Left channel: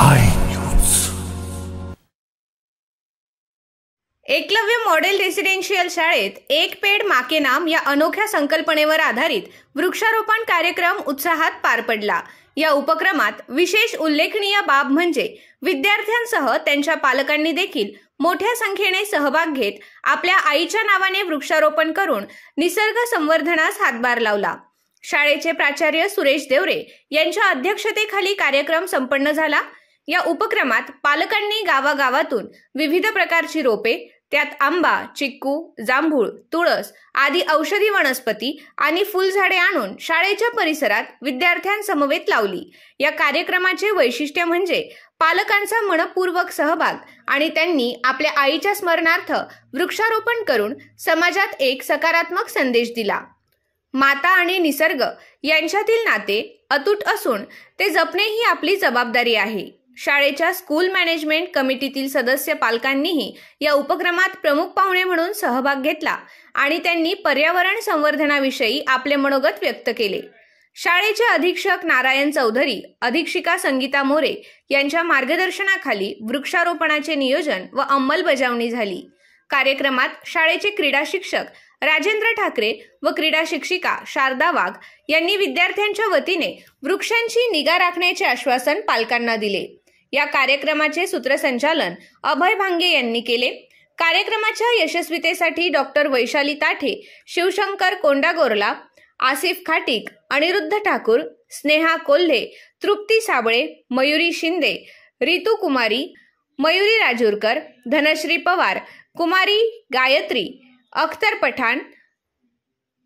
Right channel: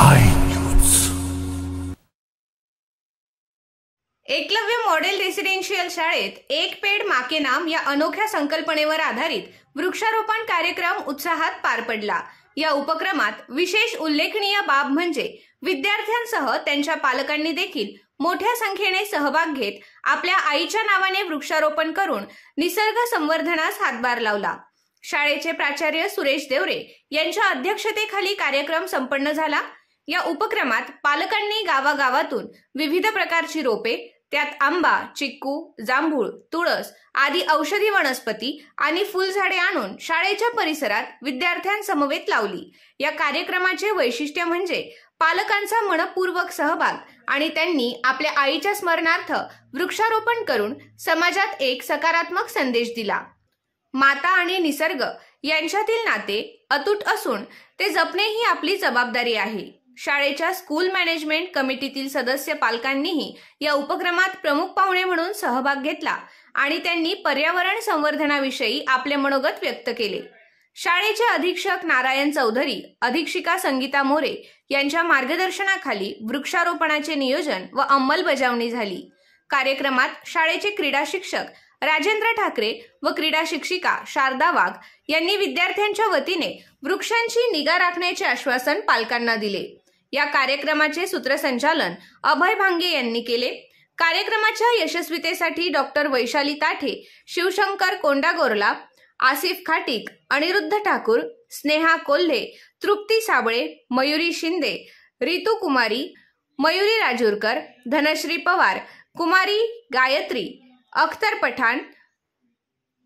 I news. Eklavya model residential शाळेत एक पेड़ माँ के नाम या अनोख्या संकल्पनेवर आधारित वृक्षारोपण कार्यक्रम उत्साहात पार पडला। या उपक्रमात विशेष उल्लेखनीय बाब म्हणजे विद्यार्थ्यांसह त्यांच्या पालकांनी देखील मोठ्या संख्येने सहभाग घेत आपल्या आईच्या नावाने वृक्षारोपण करून निसर्ग संवर्धनास हातभार लावला। शाळेचे प्राचार्य सुरेश देवरे यांच्या अध्यक्षतेखाली कार्यक्रम संपन्न झाला। या उपक्रमात पालकांनी गावागावातून विविध प्रकारची रोपे, त्यात आंबा, चिक्कू, जांभूळ, तुळस आदी औषधी वनस्पती आणि फुलझाडे आणून शाळेच्या परिसरात विद्यार्थ्यांसमवेत लावली। या कार्यक्रमाचे वैशिष्ट्य म्हणजे पालकांचा मनपूर्वक सहभाग आणि त्यांनी आपल्या आईच्या स्मरणार्थ वृक्षारोपण करून समाजात एक सकारात्मक संदेश दिला। माता आणि निसर्ग यांच्यातील नाते अतूट असून ते जपणे ही आपली जबाबदारी आहे। शाळेच्या स्कूल मॅनेजमेंट कमिटीतील सदस्य पालकांनीही या उपक्रमात प्रमुख पाहुणे म्हणून सहभाग घेतला आणि त्यांनी पर्यावरण संवर्धनाविषयी आपले मनोगत व्यक्त केले। शाळेचे अधीक्षक नारायण चौधरी, अधीक्षिका संगीता मोरे यांच्या मार्गदर्शनाखाली वृक्षारोपणाचे नियोजन व अंमलबजावणी झाली। कार्यक्रमात शाळेचे क्रीडा शिक्षक राजेंद्र ठाकरे व क्रीडा शिक्षिका शारदा वाघ यांनी विद्यार्थ्यांच्या वतीने वृक्षांची निगा राखण्याचे आश्वासन पालकांना दिले। या कार्यक्रमाचे सूत्रसंचालन अभय भांगे यांनी केले। कार्यक्रमाच्या यशस्वीतेसाठी डॉक्टर वैशाली ताठे, शिवशंकर कोंडागोरला, आसिफ खाटीक, अनिरुद्ध ठाकूर, स्नेहा कोल्हे, तृप्ती साबळे, मयुरी शिंदे, रितू कुमारी, मयुरी राजूरकर, धनश्री पवार, कुमारी गायत्री, अख्तर पठाण,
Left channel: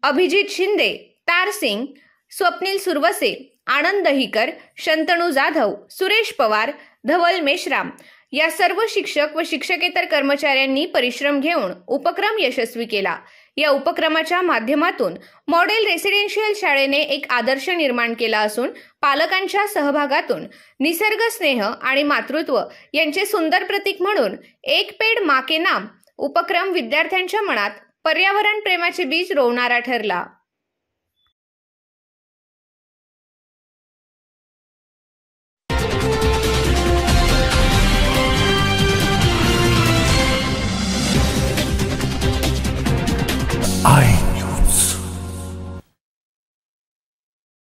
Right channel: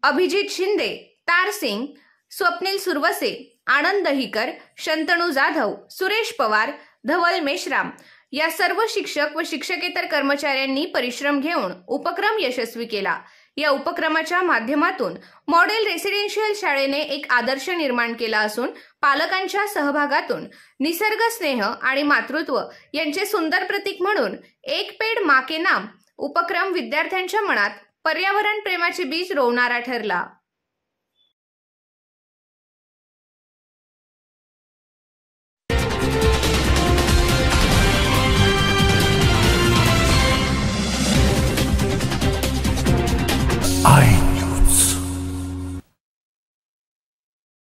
अभिजित शिंदे, तार सिंग, स्वप्नील सुरवसे, आनंद दहीकर, शंतनू जाधव, सुरेश पवार, धवल मेश्राम या सर्व शिक्षक व शिक्षकेतर कर्मचाऱ्यांनी परिश्रम घेऊन उपक्रम यशस्वी केला। या उपक्रमाच्या माध्यमातून मॉडेल रेसिडेन्शियल शाळेने एक आदर्श निर्माण केला असून पालकांच्या सहभागातून निसर्ग स्नेह आणि मातृत्व यांचे सुंदर प्रतीक म्हणून एक पेड़ माँ के नाम उपक्रम विद्यार्थ्यांच्या मनात पर्यावरण प्रेमाचे बीज रोवणारा ठरला।